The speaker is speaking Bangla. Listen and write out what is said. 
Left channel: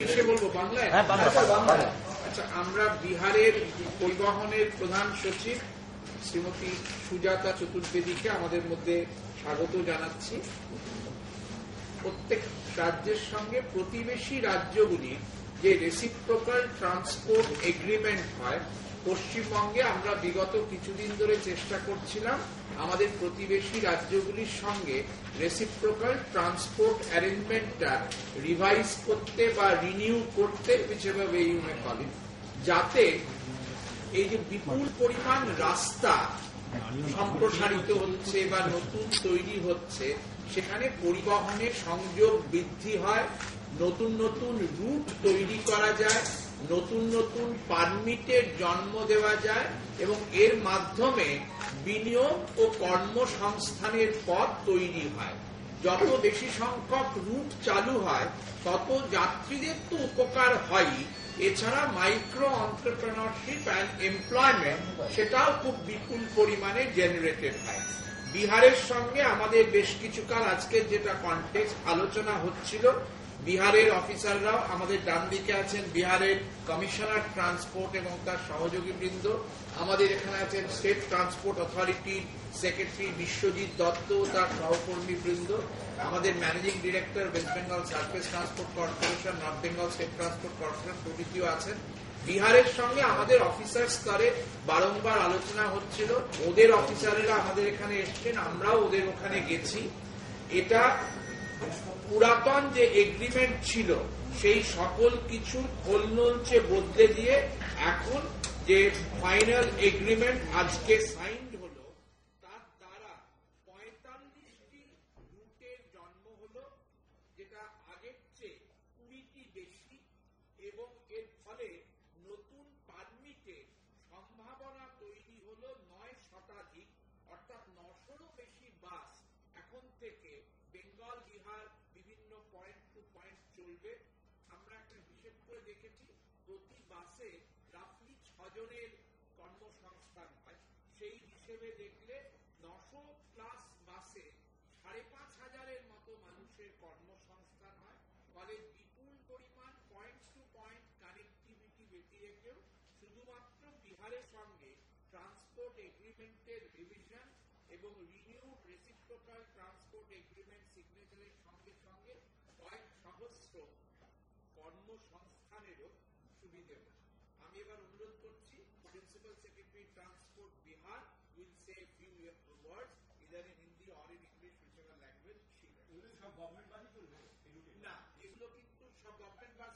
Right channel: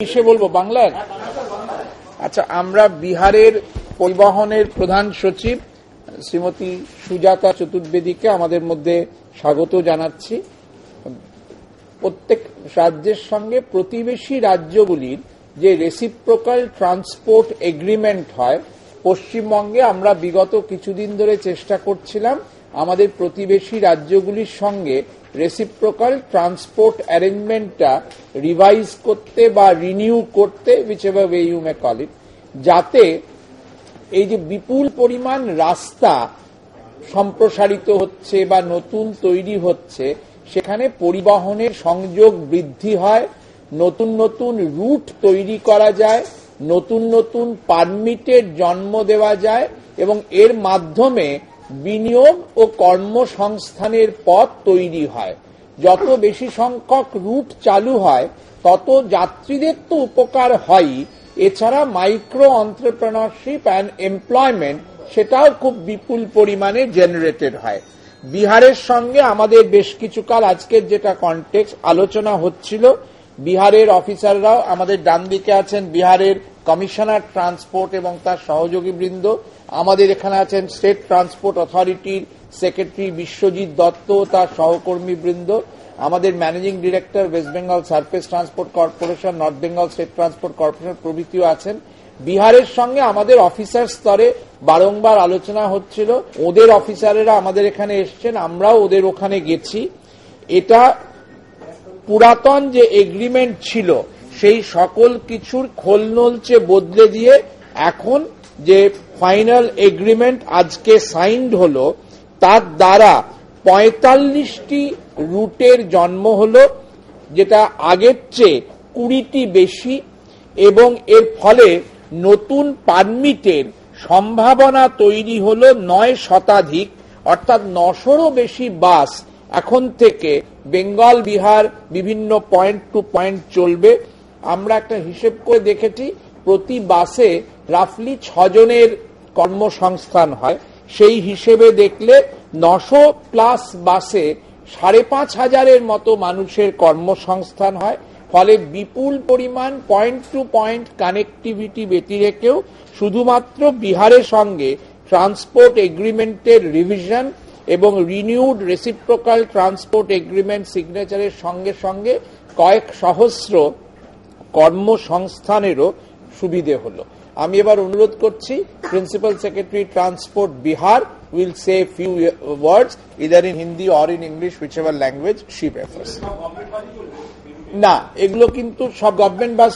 কিসে বলবো, বাংলায়? আচ্ছা, আমরা বিহারের পরিবহনের প্রধান সচিব শ্রীমতী সুজাতা চতুর্বেদীকে আমাদের মধ্যে স্বাগত জানাচ্ছি। প্রত্যেক রাজ্যের সঙ্গে প্রতিবেশী রাজ্যগুলির যে রেসিপ্রোকাল ট্রান্সপোর্ট এগ্রিমেন্ট হয়, পশ্চিমবঙ্গে আমরা বিগত কিছুদিন ধরে চেষ্টা করছিলাম আমাদের প্রতিবেশী রাজ্যগুলির সঙ্গে রেসিপ্রোকাল ট্রান্সপোর্ট অ্যারেঞ্জমেন্টটা রিভাইজ করতে বা রিনিউ করতে, whichever way you may call it, যাতে এই যে বিপুল পরিমাণ রাস্তা সম্প্রসারিত হচ্ছে বা নতুন তৈরি হচ্ছে, সেখানে পরিবহনের সংযোগ বৃদ্ধি হয়, নতুন নতুন রুট তৈরি করা যায়, নতুন নতুন পারমিটের জন্ম দেওয়া যায় এবং এর মাধ্যমে বিনিয়োগ ও কর্মসংস্থানের পথ তৈরি হয়। যত বেশি সংখ্যক রুট চালু হয় তত যাত্রীদের তো উপকার হয়, এছাড়া মাইক্রো এন্টারপ্রেনারশিপ অ্যান্ড এমপ্লয়মেন্ট সেটাও খুব বিপুল পরিমাণে জেনারেটেড হয়। বিহারের সঙ্গে আমাদের বেশ কিছুকাল আজকের যেটা কনটেক্সট আলোচনা হচ্ছিল, বিহারের অফিসাররাও আমাদের ডান দিকে আছেন, বিহারের কমিশনার ট্রান্সপোর্ট এবং তার সহযোগী বৃন্দ, আমাদের এখানে আছেন স্টেট ট্রান্সপোর্ট অথরিটির সেক্রেটারি বিশ্বজিৎ দত্ত, তার সহকর্মী বৃন্দ, আমাদের managing director West Bengal surface transport corporation, North Bengal state transport corporation প্রভৃতিও আছেন। বিহারের সঙ্গে আমাদের অফিসার স্তরে বারংবার আলোচনা হচ্ছিল, ওদের অফিসারেরা আমাদের এখানে এসছেন, আমরাও ওদের ওখানে গেছি। এটা পুরাতন যে এগ্রিমেন্ট ছিল সেই সকল কিছুর খোলনলচে বদলে দিয়ে এখন যে ফাইনাল এগ্রিমেন্ট আজকে সাইন্ড হলো, তার দ্বারা ৪৫টি রুটের জন্ম হলো, যেটা আগের চেয়ে ২০টি বেশি, এবং এর ফলে নতুন পারমিটের সম্ভাবনা তৈরি হলো ৯ শতাধিক, অর্থাৎ ৯০০রও বেশি বাস এখন থেকে বেঙ্গল বিহার বিভিন্ন পয়েন্ট টু পয়েন্ট চলবে। আমরা একটা হিসেব করে দেখেছি, প্রতি বাসে রাফলি ৬ জনের কর্মসংস্থান হয়। সেই হিসেবে দেখলে ৯০০+ বাসে ৫,৫০০-এর মতো মানুষের কর্মসংস্থান হয়। ফলে বিপুল পরিমাণ পয়েন্ট টু পয়েন্ট কানেক্টিভিটি ব্যতী রেখেও শুধুমাত্র বিহারের সঙ্গে ট্রান্সপোর্ট এগ্রিমেন্টের রিভিশন এবং রিনিউড রেসিপ্রোকাল ট্রান্সপোর্ট এগ্রিমেন্ট সিগনেচারের সঙ্গে সঙ্গে কয়েক সহস্র কর্মসংস্থানেরও সুবিধে হলো। আমি এবার অনুরোধ করছি, principal secretary transport Bihar will say a few words either in Hindi or in English, whichever language she prefers. না, এগুলো কিন্তু সব গভর্নমেন্ট বাস